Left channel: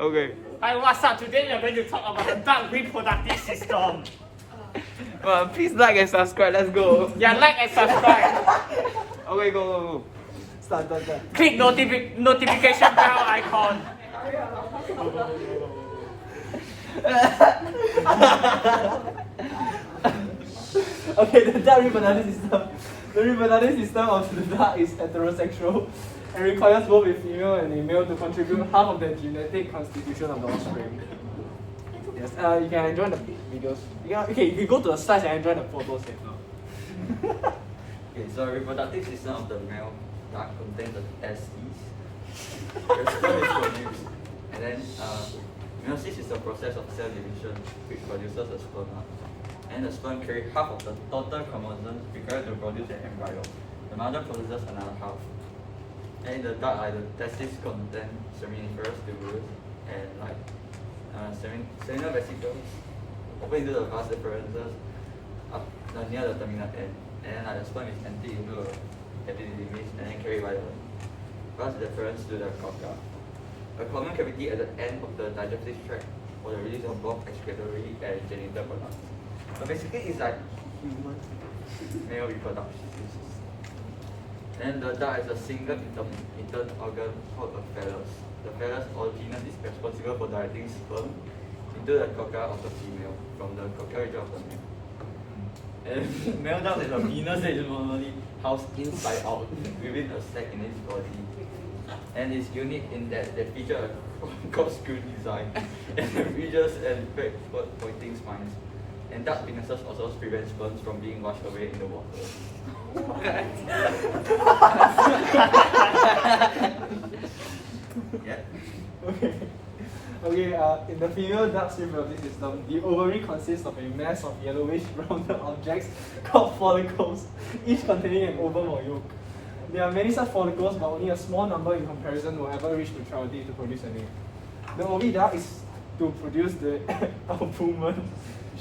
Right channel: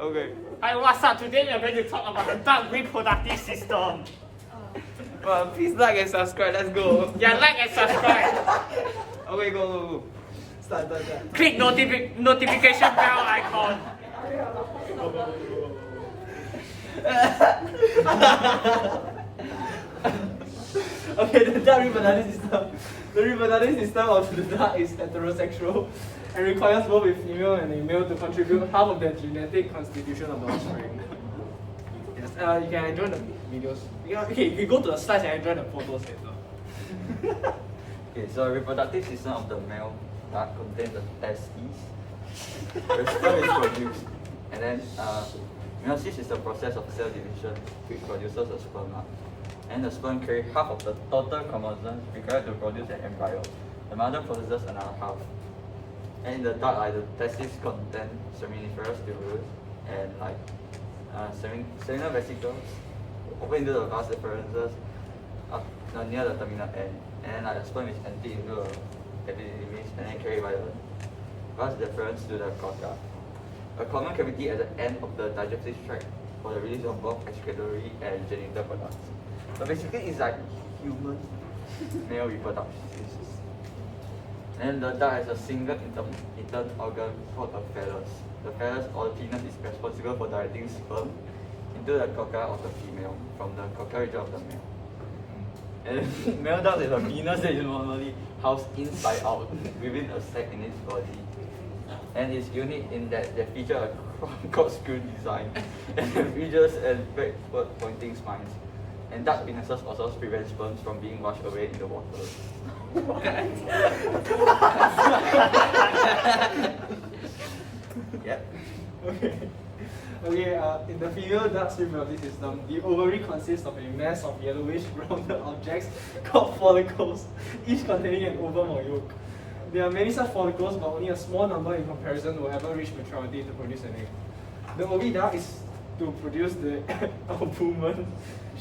Okay. Hi, what's up? Today we are going to talk about the duck reproductive system. Please like and subscribe. Let's go. Yeah, like and subscribe. Okay, go. Start. Click notification bell icon. Okay, the duck reproductive system. The reproductive system of the duck is heterosexual and requires both a female and a male to contribute half of the genetic constitution of the offspring. Yes, you can enjoy the videos. Yeah, okay, if we go to the slides and enjoy the photos later. Okay, so reproductive system of the male duck contains the testes. The sperm is produced, and then meiosis is the process of cell division which produces a sperm. And the sperm carry half of the total chromosomes required to produce an embryo. The mother possesses another half. And in the duck, the testes contain seminiferous tubules and seminal vesicles open into the vas deferens near the terminal end. And then the sperm is emptied into a epididymis and then carried by the vas deferens to the cocca. A common cavity at the end of the digestive tract for the release of both excretory and genital products. So basically, it's like human male reproduction. And the duck has a single intern organ called a phallus. The phallus or penis is responsible for directing sperm into the cocca of the female from the cocca region of the male. And male duck is a penis that is normally housed inside out within a sac in its body. And it's unique in that they feature a corkscrew design and the ridges and backward pointing spines. And duck penises also prevent sperms from being washed away in the water. Yeah. Okay, in the female duck's reproductive system, the ovary consists of a mass of yellowish rounded objects called follicles, each containing an ovum or yolk. There are many such follicles, but only a small number in comparison will ever reach maturity to produce an egg. The oviduct is to produce the albumen,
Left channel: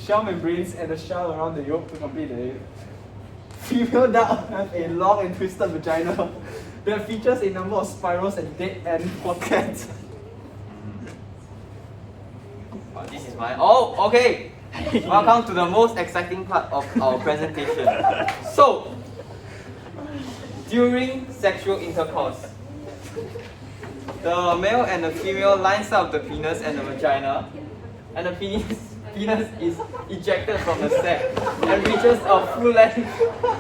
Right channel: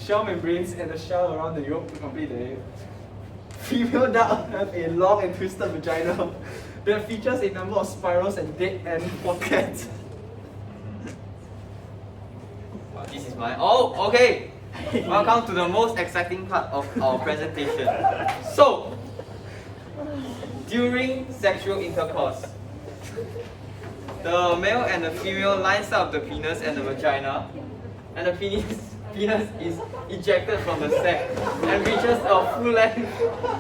shell membranes, and the shell around the yolk to complete the egg. Female duck have a long and twisted vagina that features a number of spirals and dead-end pockets. This is my okay. Welcome to the most exciting part of our presentation. So, during sexual intercourse, the male and the female lines up the penis and the vagina, and the penis is ejected from the sac and reaches a full length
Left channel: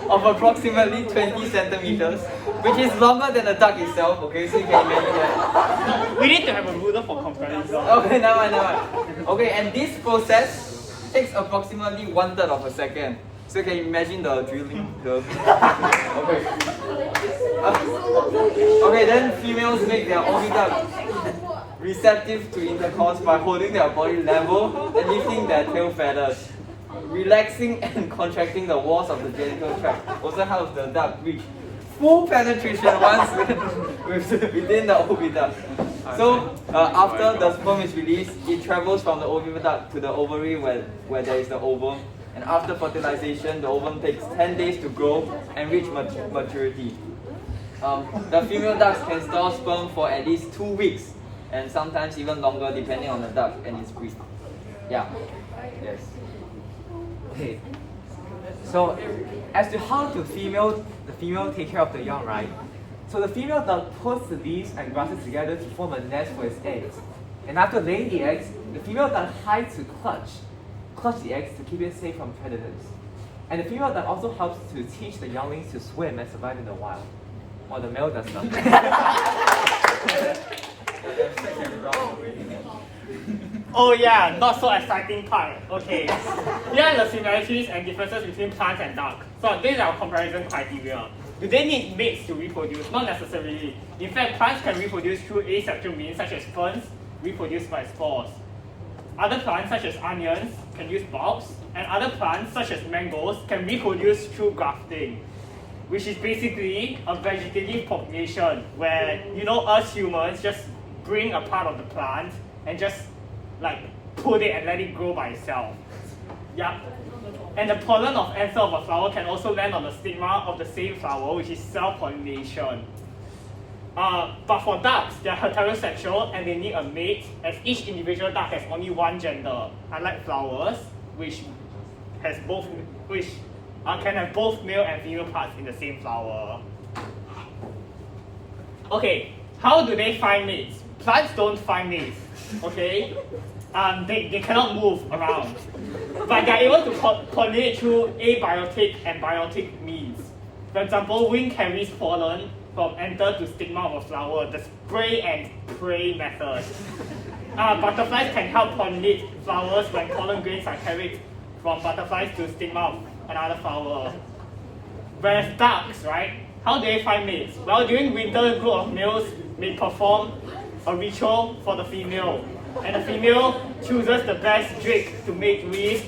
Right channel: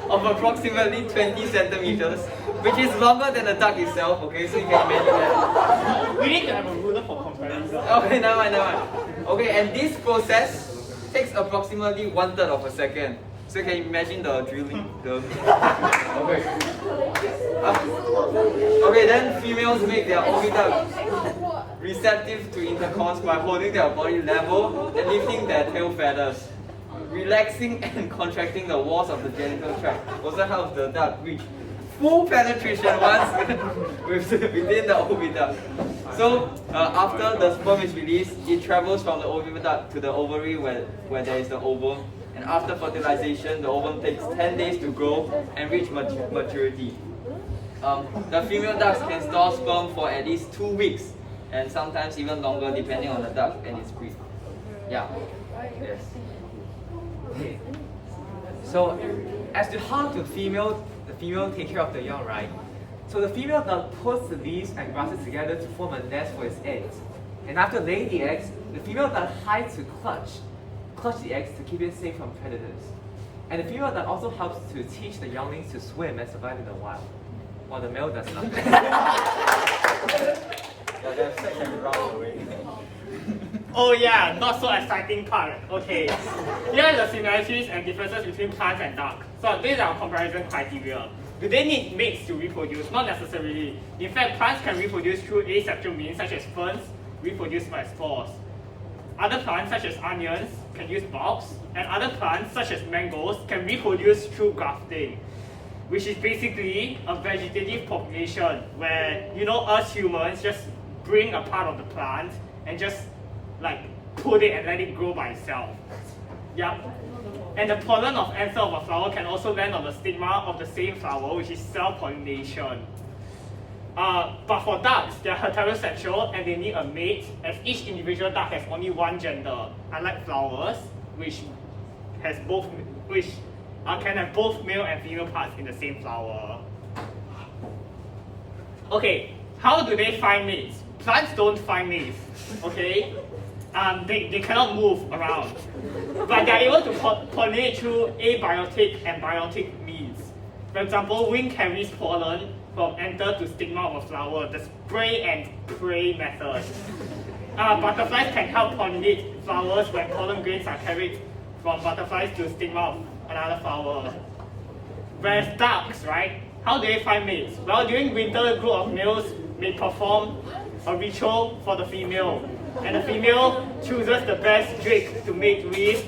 of approximately 20 centimeters, which is longer than the duck itself. Okay, so you can imagine that. We need to have a ruler for comparison. Okay, never mind. Okay, and this process takes approximately 1/3 of a second. So you can imagine the drilling. Okay. Okay, then females make their oviduct receptive to intercourse by holding their body level and lifting their tail feathers. Relaxing and contracting the walls of the genital tract also helps the duck reach full penetration once within the oviduct. So after the sperm is released, it travels from the oviduct to the ovary where there is the ovum. And after fertilization, the ovum takes 10 days to grow and reach maturity. The female ducks can store sperm for at least 2 weeks, and sometimes even longer depending on the duck and its breed. Yeah. Yes. Okay. So, as to how the female take care of the young, right? So the female duck puts the leaves and grasses together to form a nest for its eggs. And after laying the eggs, the female duck hides to clutch the eggs to keep it safe from predators. And the female duck also helps to teach the younglings to swim and survive in the wild, while the male does nothing. Oh yeah, not so exciting part. Okay. Here are the similarities and differences between plants and duck. So these are our comparison criteria. Do they need mates to reproduce? Not necessarily. In fact, plants can reproduce through asexual means such as ferns, reproduce by spores. Other plants such as onions can use bulbs, and other plants such as mangoes can reproduce through grafting, which is basically a vegetative population where, us humans just bring a part of the plant and just put it and let it grow by itself. Yeah. And the pollen of anther of a flower can also land on the stigma of the same flower, which is self-pollination. But for ducks, they are heterosexual and they need a mate, as each individual duck has only one gender, unlike flowers, which can have both male and female parts in the same flower. Okay, how do they find mates? Plants don't find mates, okay? They cannot move around. But they are able to pollinate through abiotic and biotic means. For example, wind carries pollen from anther to stigma of a flower, the spray and pray method. Butterflies can help pollinate flowers when pollen grains are carried from butterflies to stigma of another flower. Whereas ducks, right? How do they find mates? Well, during winter, a group of males may perform a ritual for the female. And the female chooses the best drake to mate with,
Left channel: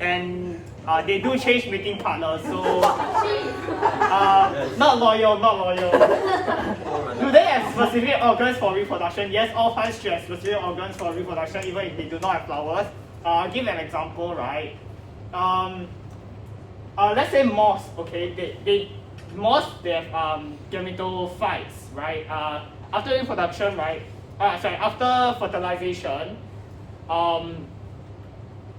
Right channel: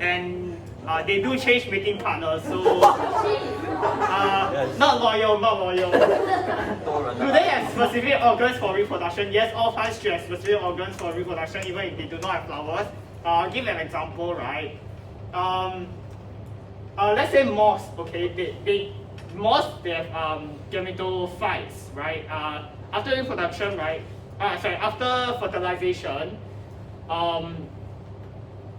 and they do change mating partners, so not loyal. Do they have specific organs for reproduction? Yes, all plants should have specific organs for reproduction, even if they do not have flowers. I'll give an example, right? Let's say moths, okay? Moths, they have gametophytes, right? After reproduction, right? After fertilization,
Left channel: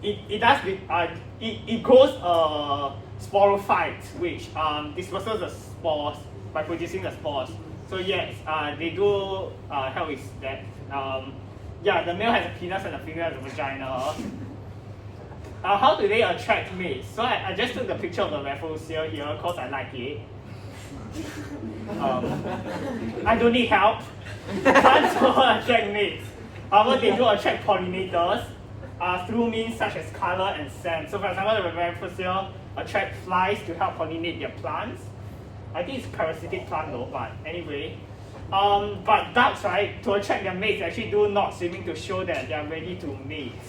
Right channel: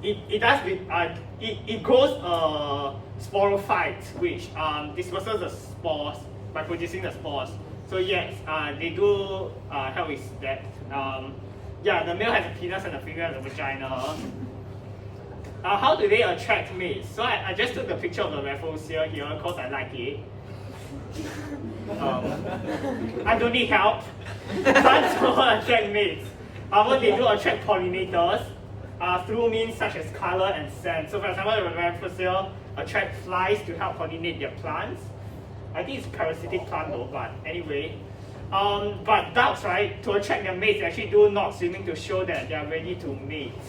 it grows a sporophyte, which disperses the spores by producing the spores. So yes, they do help with that. The male has a penis and the female has a vagina. How do they attract mates? So I just took the picture of the raffles here because I like it. I don't need help. Plants don't attract mates. However, they do attract pollinators through means such as color and scent. So for example, the raffles attract flies to help pollinate their plants. I think it's a parasitic plant though, but anyway. But ducks, right, to attract their mates, actually do knot swimming to show that they are ready to mate.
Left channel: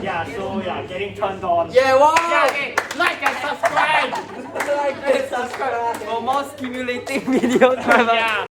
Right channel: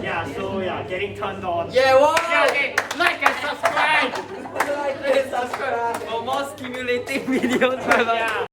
Getting turned on. Yeah, wow! Okay, like and subscribe! Like and subscribe for more stimulating videos. Yeah.